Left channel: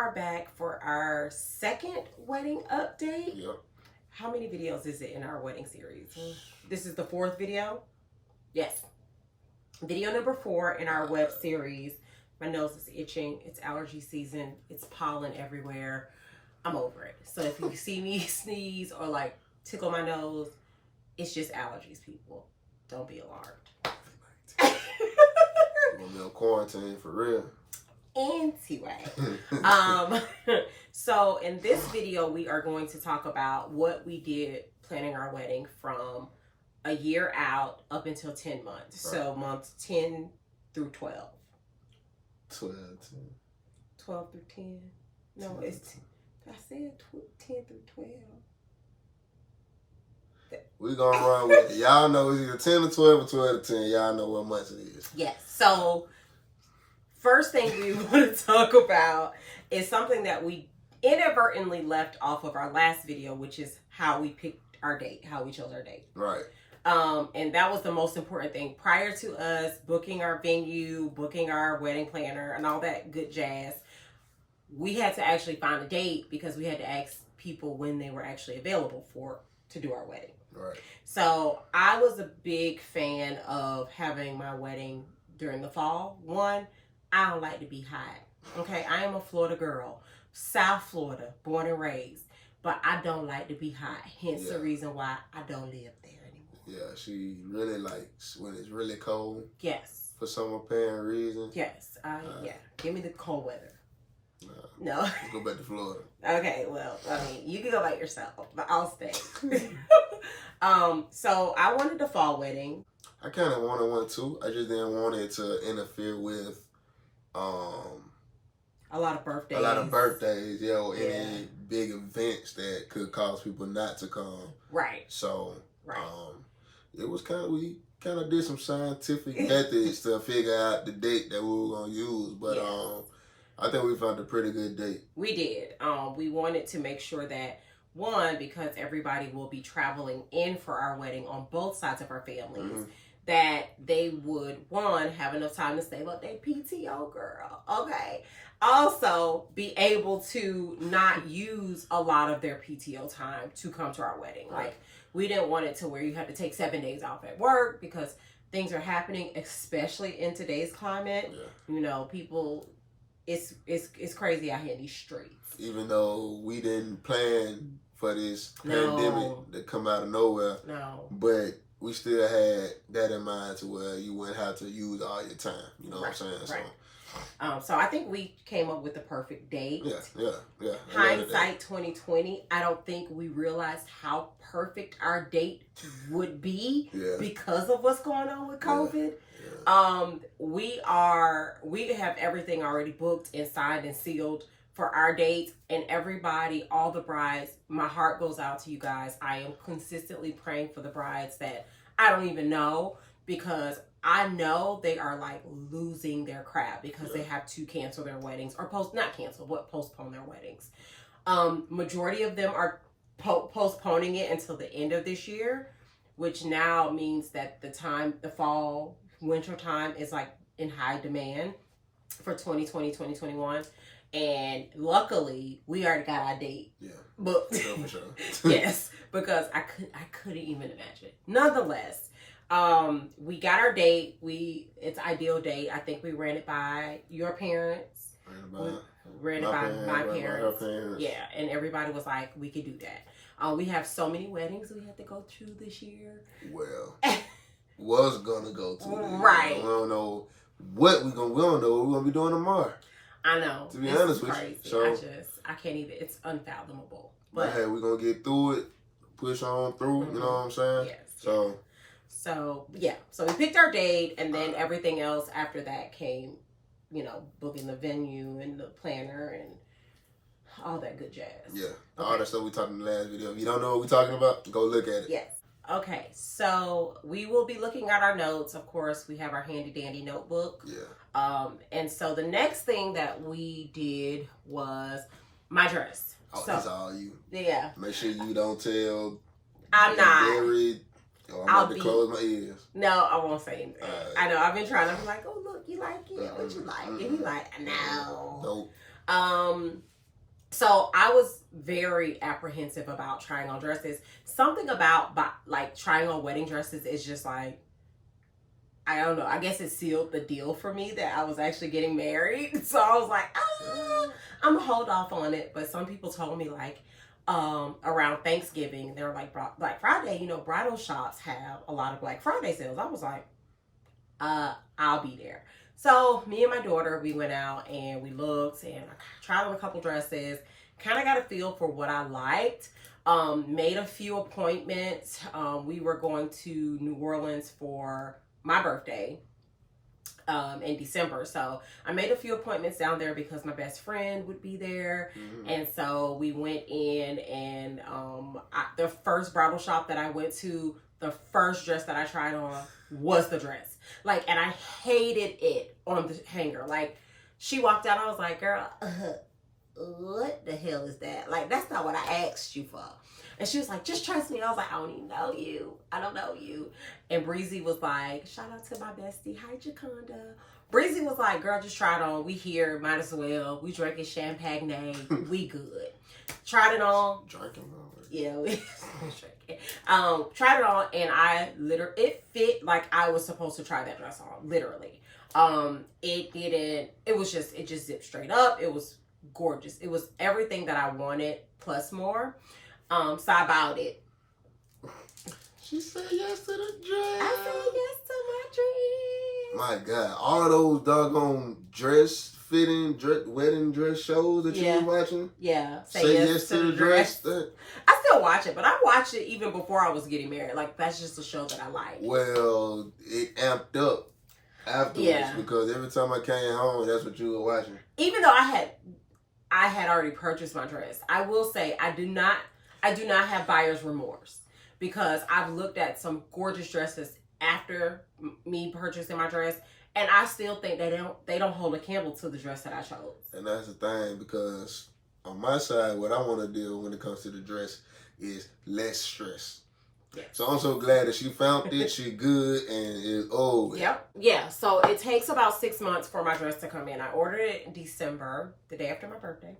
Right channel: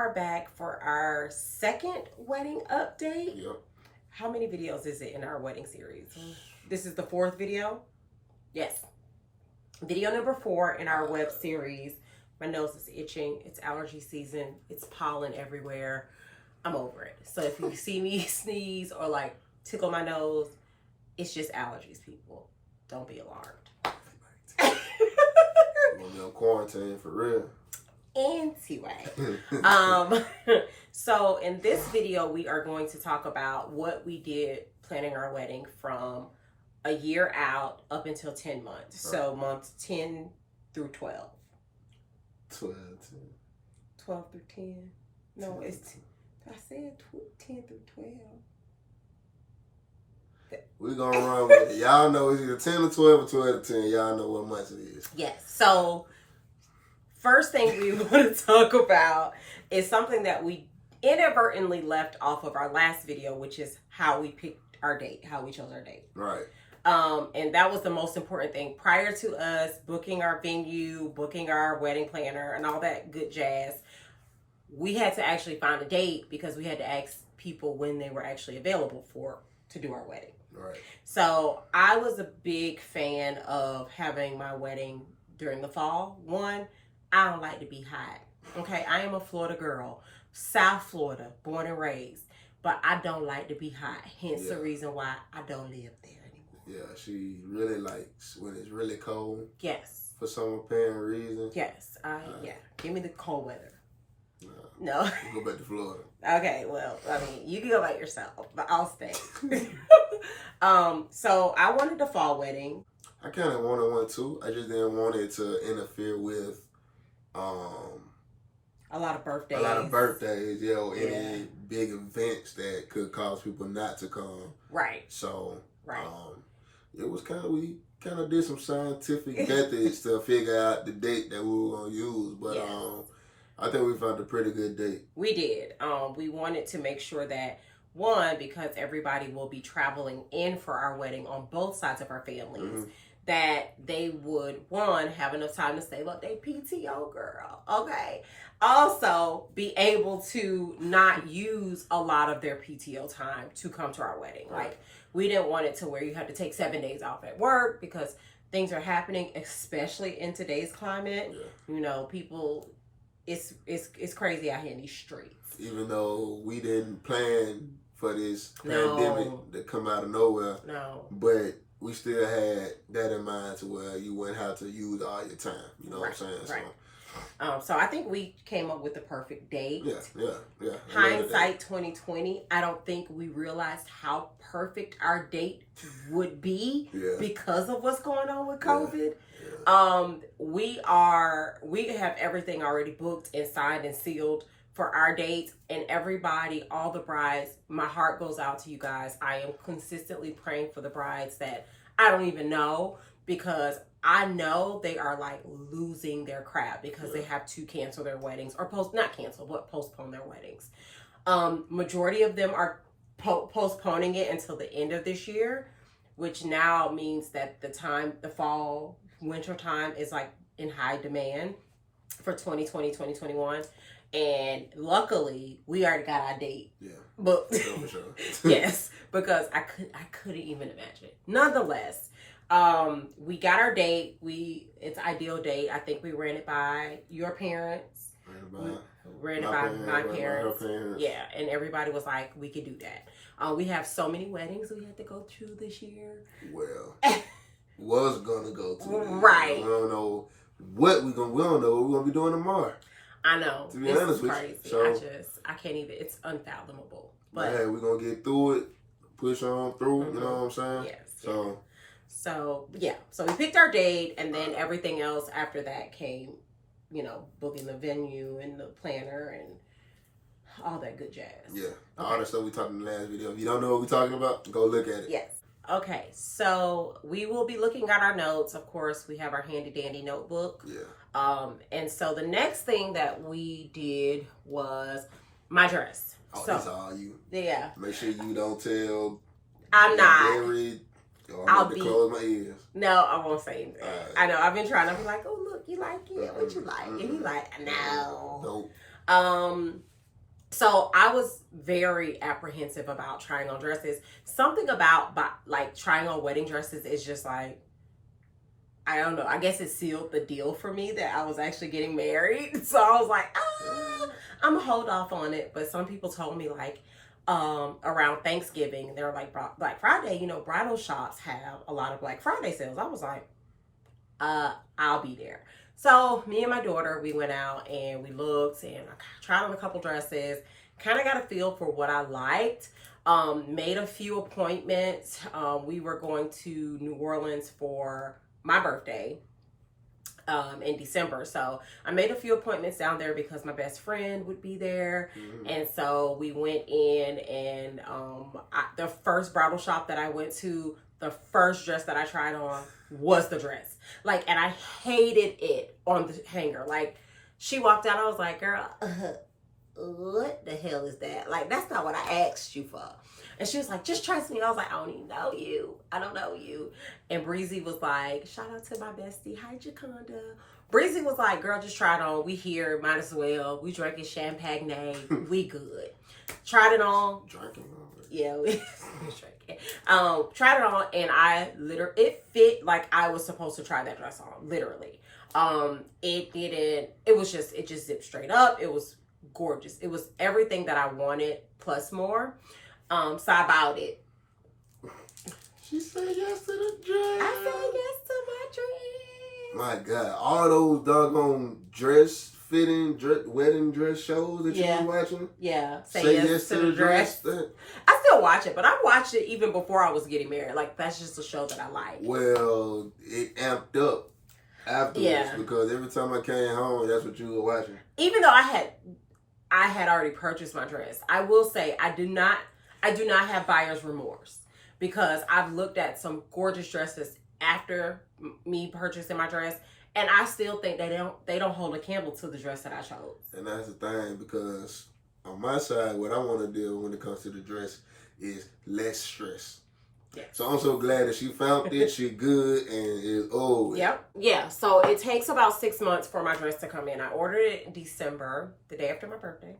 are back for our second wedding update. Yep. How many videos is it in our wedding series? This is the fourth video? Yes. Video number 4 in our web series. My nose is itching. It's allergy season. It's pollen everywhere. I'm over it. So if you see me sneeze or like tickle my nose, it's just allergies, people. Don't be alarmed. We're gonna be on quarantine for real. Anyway, so in this video, we are going to talk about what we did planning our wedding from a year out up until 10 months. Right. So months 10 through 12. 12 through 10. No, 10. it's, I said 10 through 12. We're gonna run with it. Y'all know it's either 10 or 12 or 12 to 10. Y'all know what month it is. Yes. So first thing we want to talk about is something that we inadvertently left off of our last video, which is how we picked our date, how we chose our date. Right. And that was the most important thing. Prior to us booking our venue, booking our wedding planner, and all that good jazz, we had to actually find a date because we had to ask people when they were actually available to do our wedding. Right. So I was a big fan of having my wedding during the fall. One, I don't like to be hot. Okay, I am a Florida girl, South Florida, born and raised, but I don't like to be hot. Hence the reason why I don't live there anymore. Yeah, she really likes when it's really cold. Yes. For some apparent reason. Yes, yeah. Give me the cold weather. No. Go back to Florida. Okay, well, I mean, you can go by yourself, but I'll stay. So I wanted the fall wedding. I kind of wanted one too. I just didn't want it to interfere with a lot of birthdays. Any big events that could cause people not to come. Right. So, it was we kind of did some scientific methods to figure out the date that we were going to use. But I think we found a pretty good date. We did. We wanted to make sure that, one, because everybody will be traveling in for our wedding on both sides of our families, that they would, one, have enough time to save up their PTO, girl. Okay. Also, be able to not use a lot of their PTO time to come to our wedding. Right. Like, we didn't want it to where you have to take 7 days off at work because things are happening, especially in today's climate. Yeah. You know, people, it's crazy out here in these streets. Even though we didn't plan for this pandemic to come out of nowhere. No. But we still had that in mind to where you wouldn't have to use all your time. You know what I'm saying? Right. So I think we came up with the perfect date. Yeah. Hindsight 2020. I don't think we realized how perfect our date would be because of what's going on with COVID. Yeah. We have everything already booked and signed and sealed for our dates, and everybody, all the brides, my heart goes out to you guys. I am consistently praying for the brides that I don't even know, because I know they are like losing their crap because they have to cancel their weddings or postpone their weddings. Majority of them are postponing it until the end of this year, which now means that the fall, winter time is like in high demand for 2020, 2021. And luckily, we already got our date. Yeah. But for sure. Yes, because I couldn't even imagine. Nonetheless, we got our date. It's ideal date. I think we ran it by your parents. Ran it by my parents. Yeah, and everybody was like, we could do that. We have so many weddings we had to go to this year. Well, was gonna go to. Right. We don't know what we don't know what we're gonna be doing tomorrow. I know. To be honest with crazy. you. So, I can't even, it's unfathomable. But hey, we're going to get through it, push on through, you know what I'm saying? Yes. So we picked our date, and then everything else after that came, booking the venue and the planner and all that good jazz. Yeah. All that stuff we talked in the last video. If you don't know what we're talking about, go look at it. Yes. Okay, so we will be looking at our notes. Of course, we have our handy dandy notebook. Yeah. And so the next thing that we did was my dress. Oh, that's all you. Yeah. Make sure you don't tell. I'm not. I'll close my ears. No, I won't say anything. I know. I've been trying to be like, oh look, you like it? What you like? And he like, no. So I was very apprehensive about trying on dresses. Something about like trying on wedding dresses is just like, I don't know. I guess it sealed the deal for me that I was actually getting married. So I was like, I'm gonna hold off on it. But some people told me like, around Thanksgiving, they were like Black Friday, you know, bridal shops have a lot of Black Friday sales. I was like, I'll be there. So me and my daughter, we went out and we looked and I tried on a couple dresses, kind of got a feel for what I liked. Made a few appointments. We were going to New Orleans for my birthday in December. So I made a few appointments down there because my best friend would be there. Mm-hmm. And so we went in and the first bridal shop that I went to, the first dress that I tried on was the dress. Like, and I hated it on the hanger. Like, she walked out, I was like, girl, what the hell is that? Like, that's not what I asked you for. And she was like, just trust me. I was like, I don't even know you. I don't know you. And Breezy was like, shout out to my bestie. Hi, Jaconda. Breezy was like, girl, just try it on. We here, might as well. We drinking champagne. We good. Tried it on. Drinking. Yeah, we drinking. Tried it on, and it fit like I was supposed to try that dress on, literally. It just zipped straight up. It was gorgeous. It was everything that I wanted plus more. So I bought it. She said yes to the dress. I said yes to my dress. My God, all those doggone dress fitting, wedding dress shows that you were watching. Yeah. Say yes to the dress. I still watch it, but I watched it even before I was getting married. Like, that's just a show that I like. Well, it amped up afterwards because every time I came home, that's what you were watching. Even though I had already purchased my dress, I will say I do not have buyer's remorse because I've looked at some gorgeous dresses after me purchasing my dress, and I still think they don't hold a candle to the dress that I chose. And that's the thing, because on my side, what I want to do when it comes to the dress is less stress. Yeah. So I'm so glad that she found it. She good and it's old. Yep. Yeah. So it takes about 6 months for my dress to come in. I ordered it in December, the day after my birthday,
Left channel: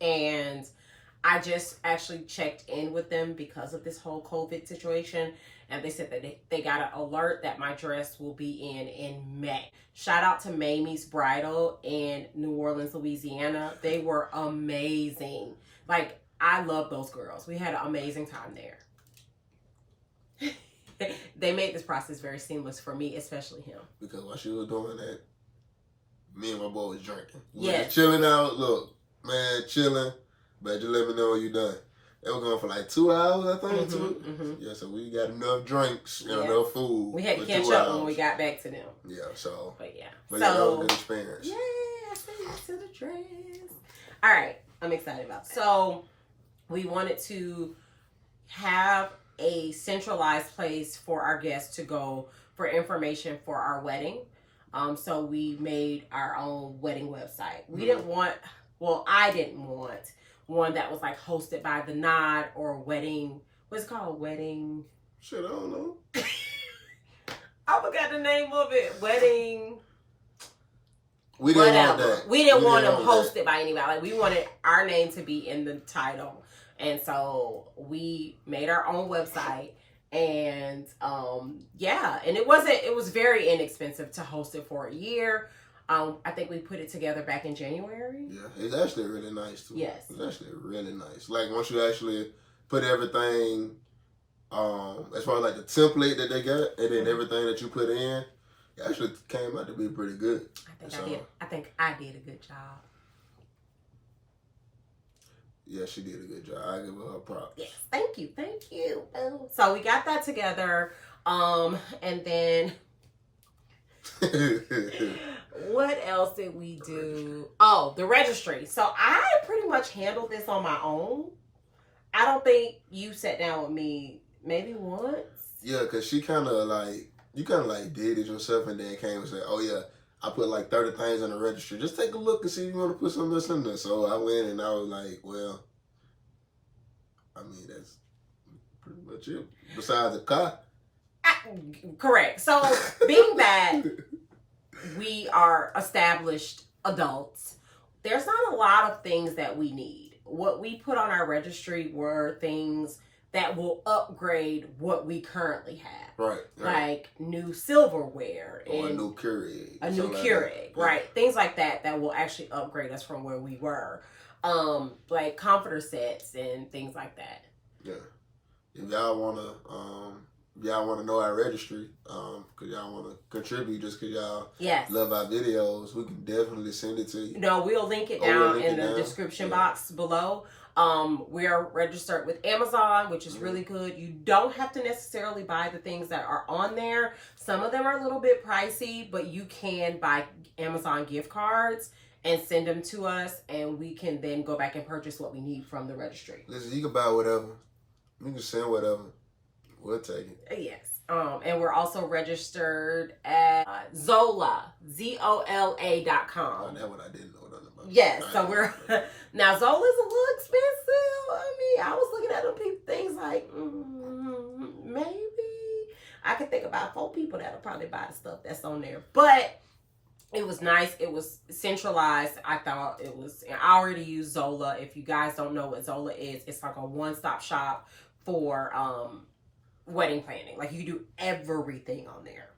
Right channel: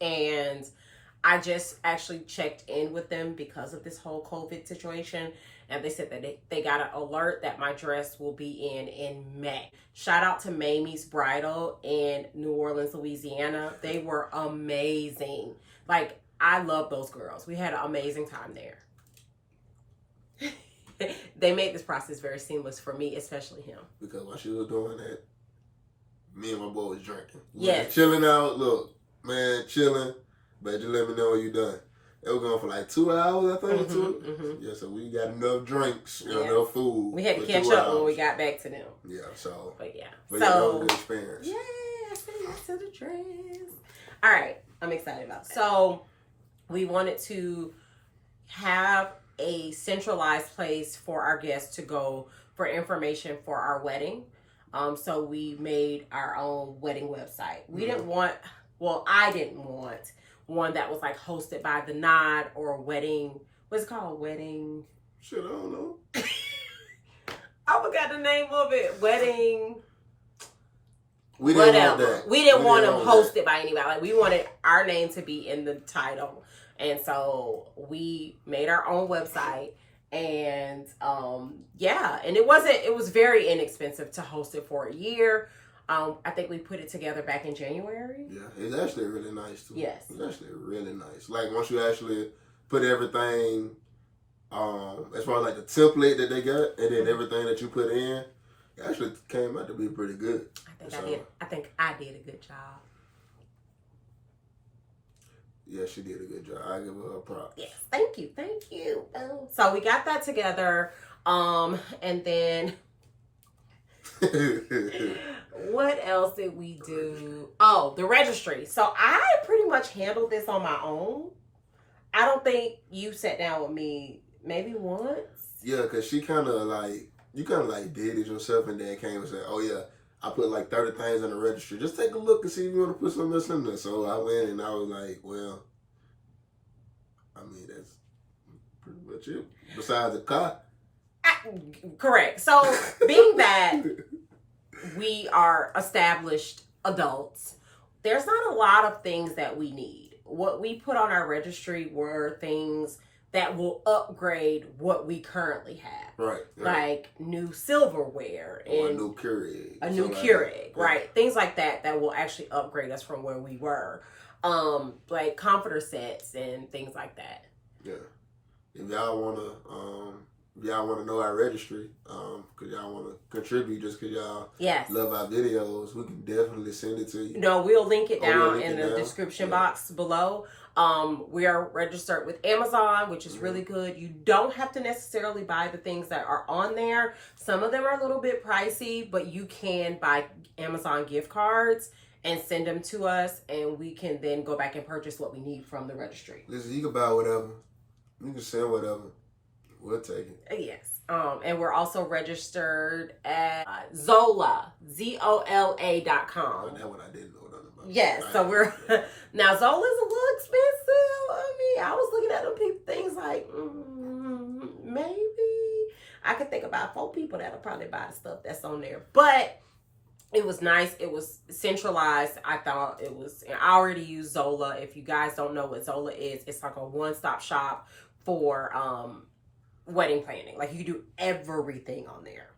and I just actually checked in with them because of this whole COVID situation. And they said that they got an alert that my dress will be in May. Shout out to MaeMe's Bridal in New Orleans, Louisiana. They were amazing. Like, I love those girls. We had an amazing time there. They made this process very seamless for me, especially him. Because while she was doing that, me and my boy was drinking. We was chilling out. Look, man, chilling. But just let me know when you done. They were going for like 2 hours, I think. Yeah, so we got enough drinks, enough food. We had to catch up when we got back to them. Yeah, so. But yeah. But that was a good experience. Yeah, I said yes to the dress. All right, I'm excited about that. So we wanted to have a centralized place for our guests to go for information for our wedding. So we made our own wedding website. We didn't want, I didn't want one that was like hosted by the Nod or wedding. What's it called? Wedding. Shit, I don't know. I forgot the name of it. Wedding. We didn't want that. We didn't want them hosted by anybody. Like, we wanted our name to be in the title. And so we made our own website. And and it was very inexpensive to host it for a year. I think we put it together back in January. Yeah, it's actually really nice too. Yes. It's actually really nice. Like, once you actually put everything, as far as like the template that they got, and then everything that you put in, it actually came out to be pretty good. I think I did a good job. Yeah, she did a good job. I give her props. Yes, thank you. So we got that together, and then what else did we do? Oh, the registry. So I pretty much handled this on my own. I don't think you sat down with me maybe once. Yeah, because you kind of did it yourself, and then came and said, oh yeah, I put like 30 things on the registry. Just take a look and see if you want to put some of this in there. So I went and I was like, well, I mean, that's pretty much it. Besides the car. Correct. So being that we are established adults, there's not a lot of things that we need. What we put on our registry were things that will upgrade what we currently have. Right. Like new silverware. Or a new Keurig. A new Keurig, right. Yeah. Things like that will actually upgrade us from where we were. Like comforter sets and things like that. Yeah. If y'all wanna know our registry, cause y'all wanna contribute just cause y'all love our videos, we can definitely send it to you. No, we'll link it down in the description box below. We are registered with Amazon, which is really good. You don't have to necessarily buy the things that are on there. Some of them are a little bit pricey, but you can buy Amazon gift cards and send them to us, and we can then go back and purchase what we need from the registry. Listen, you can buy whatever. You can send whatever. We'll take it. Yes. And we're also registered at Zola, ZOLA.com. Oh, that's what I didn't know nothing about. Yes. So we're, now Zola's a little expensive. I mean, I was looking at them things like, maybe I could think about 4 people that'll probably buy the stuff that's on there. But it was nice. It was centralized. I thought it was, I already use Zola. If you guys don't know what Zola is, it's like a one-stop shop for wedding planning. Like you can do everything on there.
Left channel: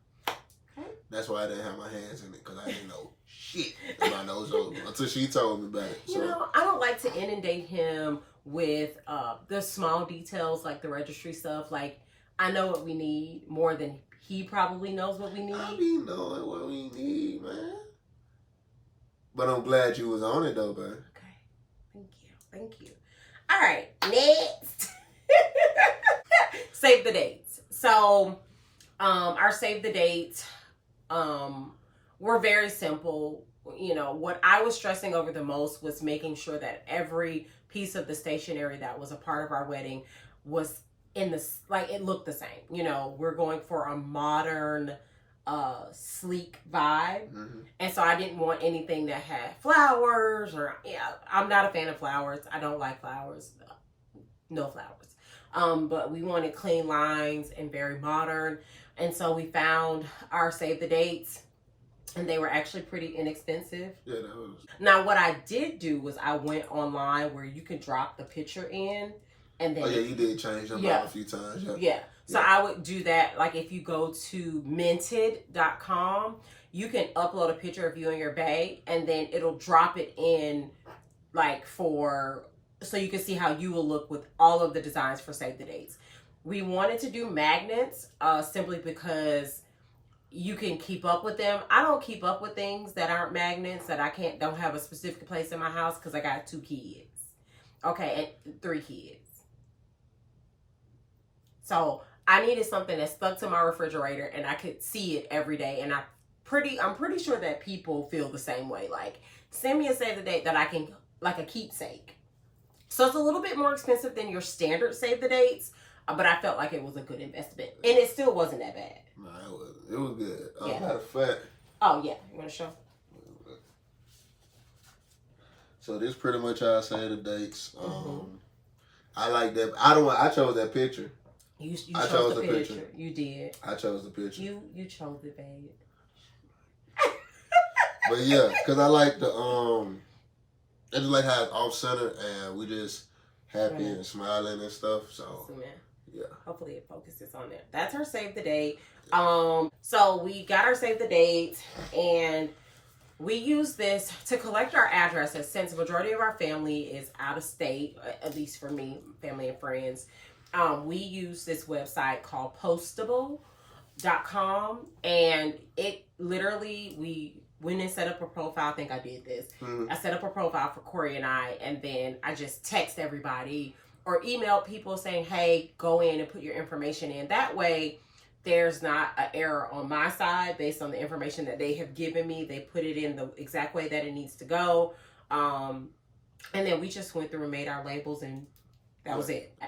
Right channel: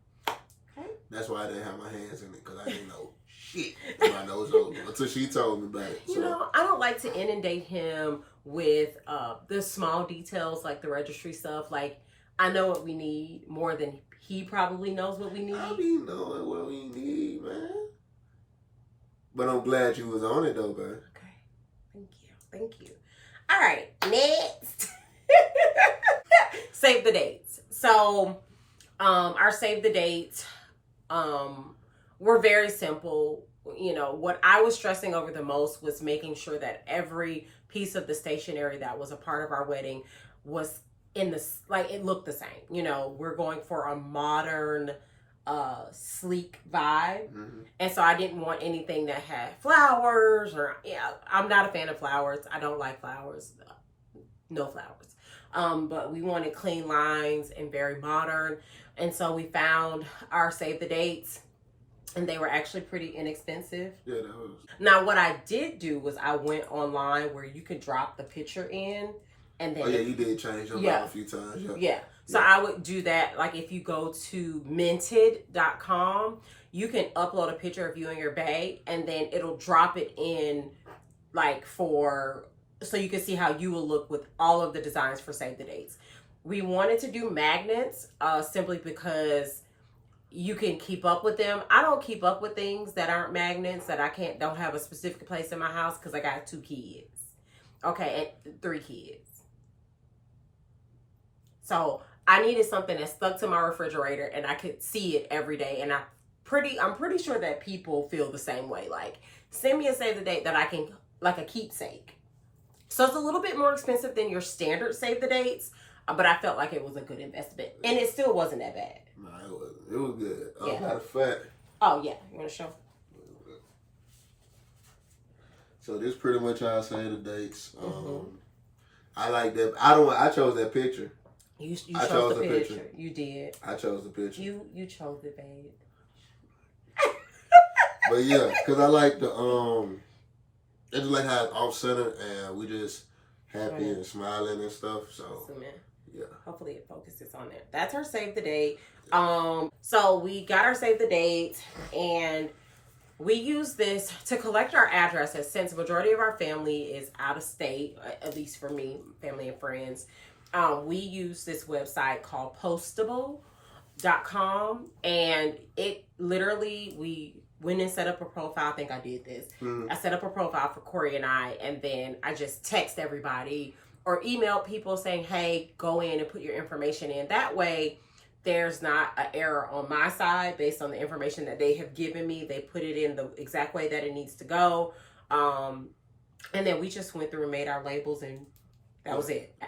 Okay. That's why I didn't have my hands in it, because I didn't know shit about no Zola until she told me about it. You know, I don't like to inundate him with the small details like the registry stuff. Like I know what we need more than he probably knows what we need. I be knowing what we need, man. But I'm glad you was on it though, man. Okay. Thank you. All right, next. Save the dates. So our save the dates were very simple. You know, what I was stressing over the most was making sure that every piece of the stationery that was a part of our wedding was in this, like it looked the same. You know, we're going for a modern sleek vibe. And so I didn't want anything that had flowers or I'm not a fan of flowers. I don't like flowers. No flowers. But we wanted clean lines and very modern. And so we found our save the dates, and they were actually pretty inexpensive. Yeah, that was. Now, what I did do was I went online where you could drop the picture in, and then. Oh yeah, you did change them out a few times. Yeah. So I would do that. Like if you go to minted.com, you can upload a picture of you and your bae, and then it'll drop it in, like so you can see how you will look with all of the designs for save the dates. We wanted to do magnets simply because you can keep up with them. I don't keep up with things that aren't magnets that don't have a specific place in my house because I got 2 kids. Okay, and 3 kids. So I needed something that stuck to my refrigerator and I could see it every day. And I'm pretty sure that people feel the same way. Like, send me a save the date that I can, like a keepsake. So it's a little bit more expensive than your standard save the dates, but I felt like it was a good investment, and it still wasn't that bad. No, it was good. Matter of fact. Oh yeah, you want to show? So this pretty much how I save the dates. I like that. I chose that picture. You chose the picture. You did. I chose the picture. You chose it, babe. But yeah, because I like the I just like how it's off center and we just happy and smiling and stuff. So yeah. Hopefully it focuses on that. That's our save the date. So we got our save the date, and we use this to collect our addresses since the majority of our family is out of state, at least for me, family and friends. We use this website called postable.com, and it literally, we went and set up a profile. I think I did this. I set up a profile for Corey and I, and then I just text everybody or email people saying, hey, go in and put your information in. That way, there's not an error on my side based on the information that they have given me. They put it in the exact way that it needs to go. And then we just went through and made our labels, and that was it.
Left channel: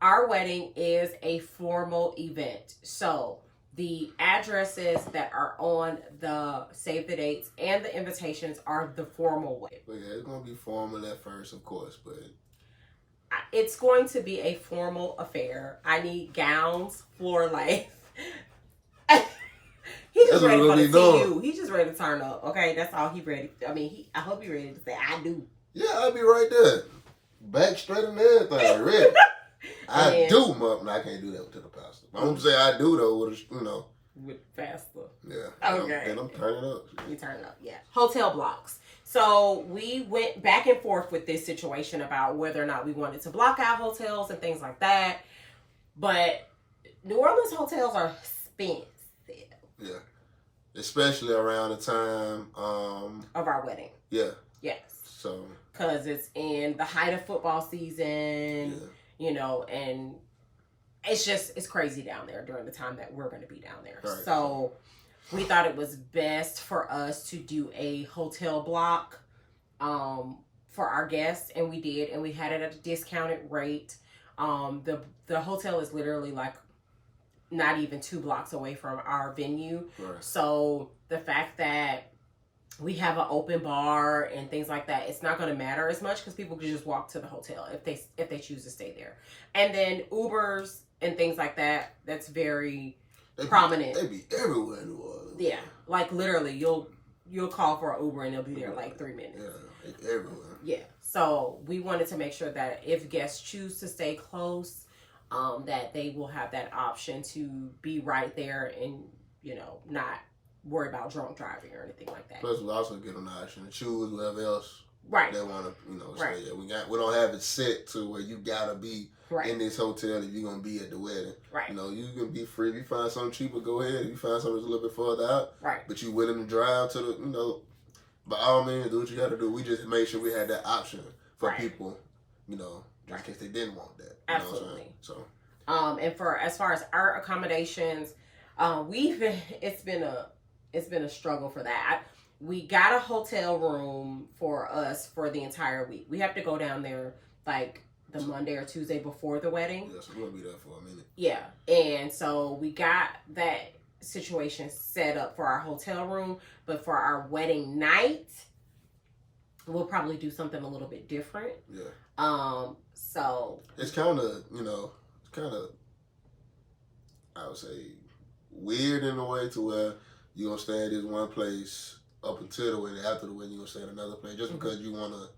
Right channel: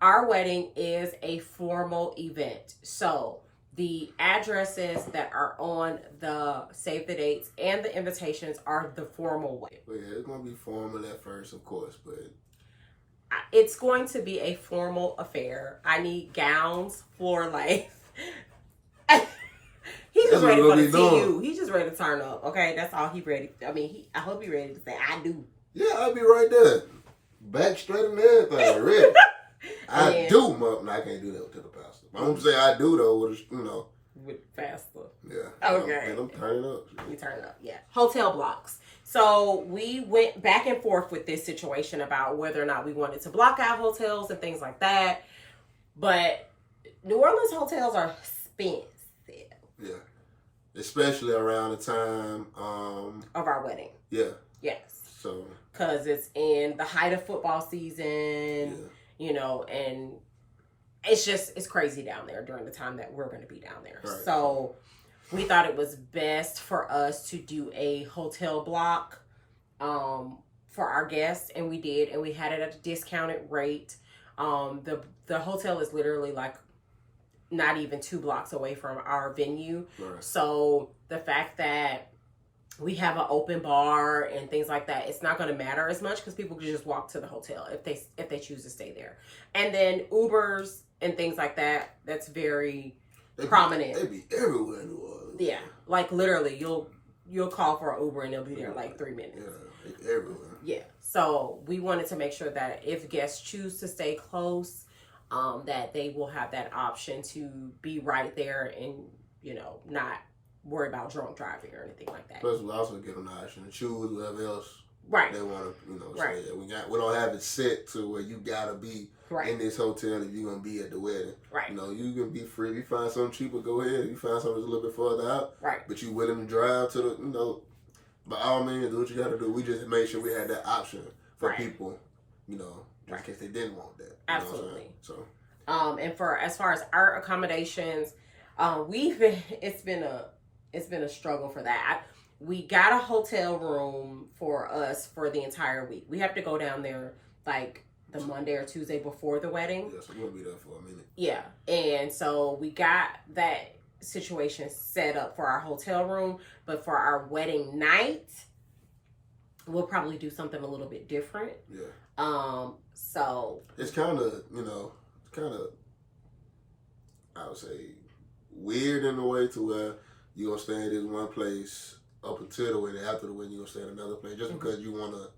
Our wedding is a formal event. So the addresses that are on the save the dates and the invitations are the formal way. But yeah, it's going to be formal at first, of course, but it's going to be a formal affair. I need gowns, floor length. He He just ready for the TU. He just ready to turn up. Okay, that's all he ready. I mean, I hope he ready to say, I do. Yeah, I'll be right there. Back straight and everything. Ready. I do, Mom. I can't do that to the pastor. I'm going to say I do, though, with, with faster. Yeah. Okay. And I'm turning up. You turn up, yeah. Hotel blocks. So we went back and forth with this situation about whether or not we wanted to block out hotels and things like that. But New Orleans hotels are expensive. Yeah. Especially around the time of our wedding. Yeah. Yes. So. Because it's in the height of football season, and it's crazy down there during the time that we're going to be down there. Right. So we thought it was best for us to do a hotel block for our guests, and we did, and we had it at a discounted rate. The hotel is literally like not even 2 blocks away from our venue. Right. So the fact that we have an open bar and things like that, it's not going to matter as much because people can just walk to the hotel if they choose to stay there. And then Ubers and things like that, that's very prominent. They be everywhere in New Orleans. Yeah, like literally, you'll call for an Uber and they'll be there in like 3 minutes. Yeah, everywhere. Yeah, so we wanted to make sure that if guests choose to stay close, that they will have that option to be right there and not worry about drunk driving or anything like that. Plus, we also get an option to choose whatever else right. they want to, say. Yeah, we don't have it set to where you gotta be in this hotel if you're gonna be at the wedding. Right. You can be free. If you find something cheaper, go ahead. If you find something that's a little bit further out, right. But you willing to drive to the, by all means, do what you gotta do. We just made sure we had that option for people, just in case they didn't want that. Absolutely. So. And as far as our accommodations, it's been a struggle for that. We got a hotel room for us for the entire week. We have to go down there like the Monday or Tuesday before the wedding. Yeah, so we're going to be there for a minute. Yeah. And so we got that situation set up for our hotel room. But for our wedding night, we'll probably do something a little bit different. Yeah. So. It's kind of, I would say, weird in a way to where you're going to stay in this one place up until the wedding. After the wedding, you're going to stay in another place. Just because you want a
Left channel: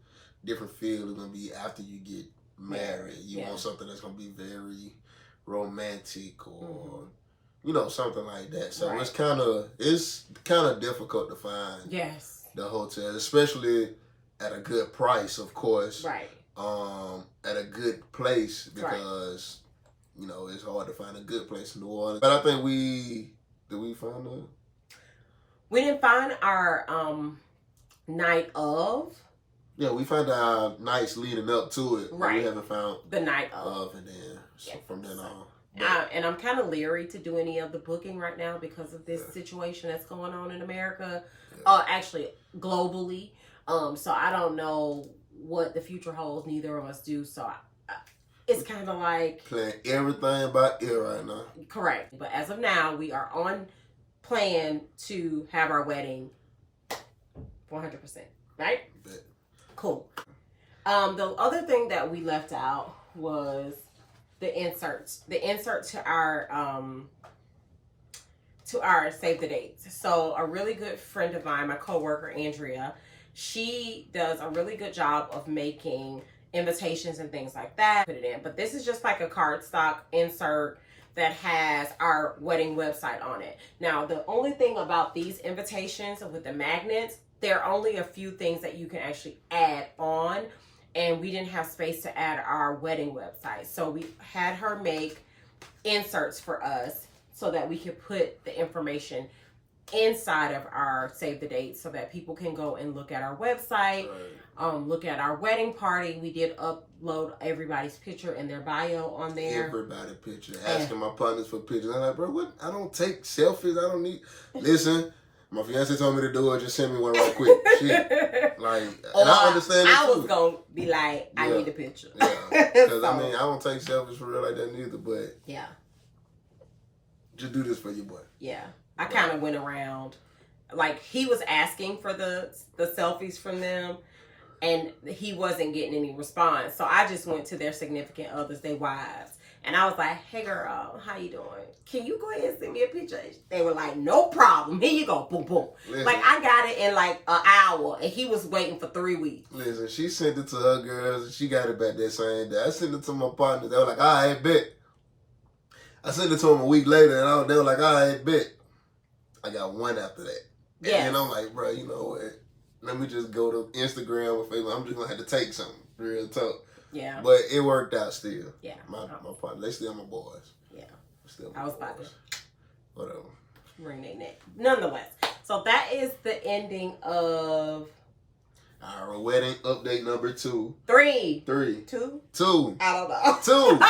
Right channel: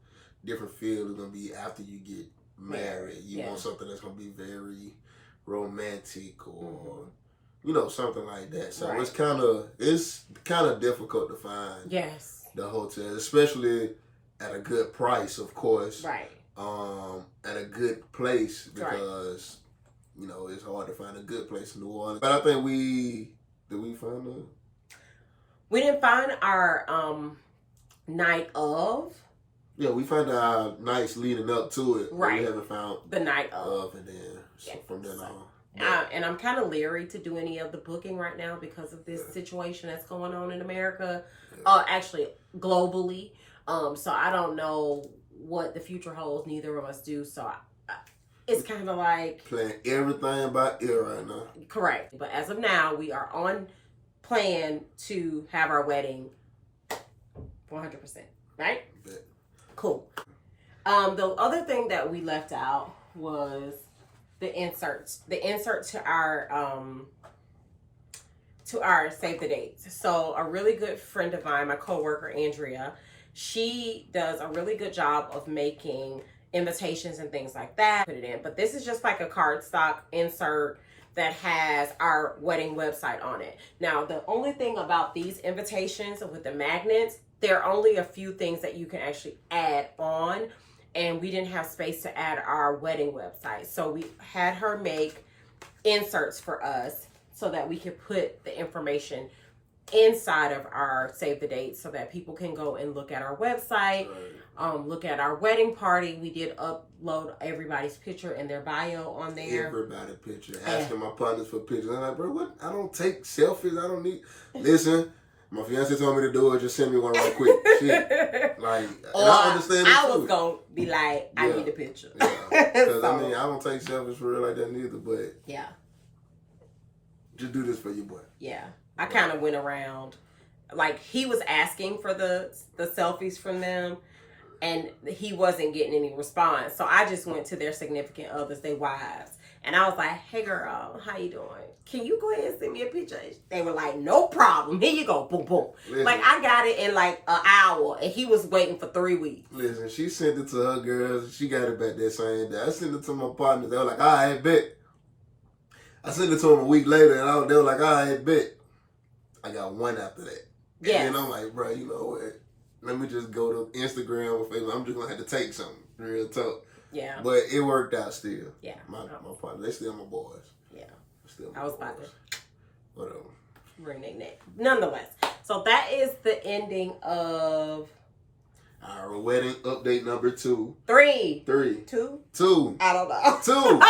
different feel, it's going to be after you get married. You want something that's going to be very romantic or, something like that. So it's kind of difficult to find the hotel, especially at a good price, of course. Right. At a good place because, it's hard to find a good place in New Orleans. But I think did we find a... We didn't find our night of. Yeah, we found our nights leading up to it. Right. We haven't found the night of. And then from then on. And I'm kind of leery to do any of the booking right now because of this situation that's going on in America. Actually, globally. So I don't know what the future holds. Neither of us do. So it's kind of like... Playing everything by ear right now. Correct. But as of now, we are on plan to have our wedding 100%, right? Yeah. Cool. The other thing that we left out was the inserts. The insert to our save the dates. So a really good friend of mine, my coworker Andrea, she does a really good job of making invitations and things like that. Put it in, but this is just like a cardstock insert that has our wedding website on it. Now, the only thing about these invitations with the magnets, there are only a few things that you can actually add on, and we didn't have space to add our wedding website. So we had her make inserts for us so that we could put the information inside of our save the date so that people can go and look at our website, look at our wedding party. We did upload everybody's picture and their bio on there. Everybody's picture. Asking my partners for pictures. I'm like, bro, what? I don't take selfies. I don't need... Listen, my fiance told me to do it. Just send me one right quick. Shit. Like, and I understand it I too. was going to be like, I need a picture. Yeah. Because, I don't take selfies for real like that neither, but... Yeah. Just do this for your boy. Yeah. I kind of went around, like he was asking for the selfies from them and he wasn't getting any response. So I just went to their significant others, their wives, And I was like, hey girl, how you doing? Can you go ahead and send me a picture? They were like, no problem. Here you go. Boom, boom. Listen, like, I got it in like an hour, and he was waiting for 3 weeks. Listen, she sent it to her girls, and she got it back that same day. I sent it to my partners. They were like, all right, bet. I sent it to them a week later, and they were like, all right, bet. I got one after that. Yeah. And then I'm like, bro, you know what? Let me just go to Instagram or Facebook. I'm just going to have to take something. Real talk. Yeah. But it worked out still. Yeah. My partner, they still my boys. Yeah. I was about to whatever. Ring their neck. Nonetheless. So that is the ending of our wedding update number 2. 3. 2? 2? I don't know. 2.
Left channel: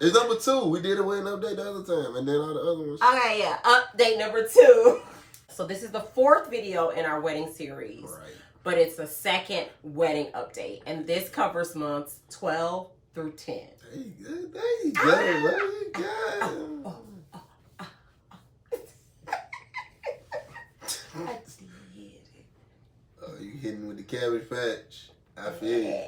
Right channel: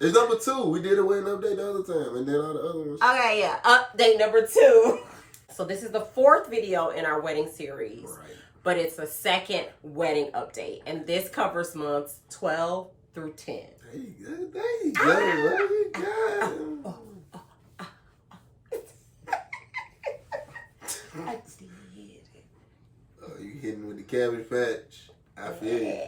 It's number 2. We did a wedding update the other time, and then all the other ones. Okay, yeah. Update number 2. So this is the 4th video in our wedding series. Right. But it's the 2nd wedding update. And this covers months 12 through 10. There you go. There you go. I did it. Oh, you hitting with the Cabbage Patch. I feel you.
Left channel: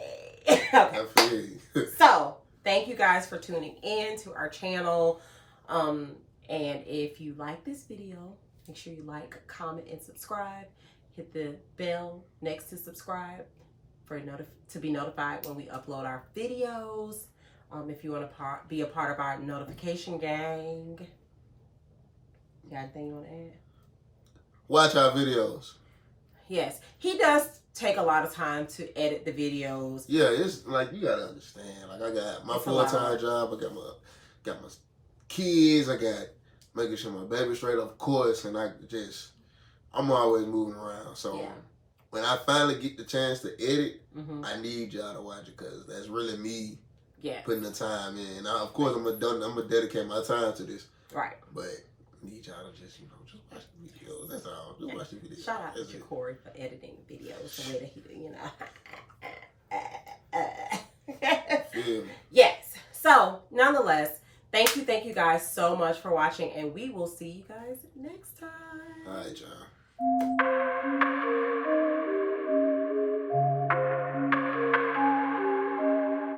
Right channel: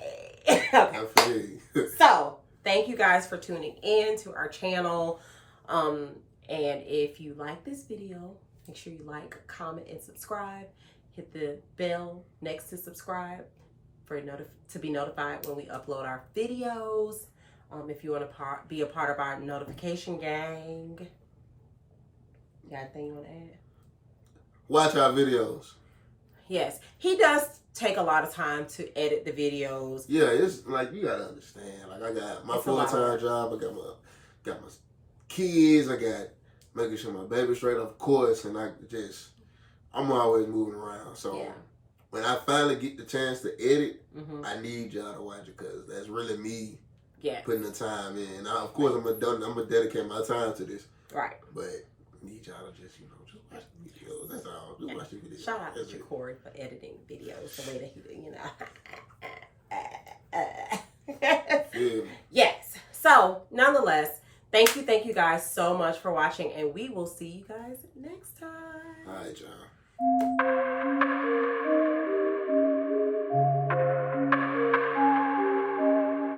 Okay. I feel you. So, thank you guys for tuning in to our channel. And if you like this video, make sure you like, comment, and subscribe. Hit the bell next to subscribe to be notified when we upload our videos. If you want to be a part of our notification gang. You got anything you want to add? Watch our videos. Yes. He does take a lot of time to edit the videos. Yeah, it's like, you got to understand. Like, I got my full-time job. I got my kids. I got making sure my baby's straight, of course. And I'm always moving around. So when I finally get the chance to edit, I need y'all to watch it because that's really me putting the time in. Now, of course, I'm gonna dedicate my time to this. Right. But I need y'all to just watch the videos. That's all. Just watch the videos. Shout out to Corey for editing videos the way that he, Yes. So, nonetheless, thank you guys so much for watching, and we will see you guys next time. All right, y'all.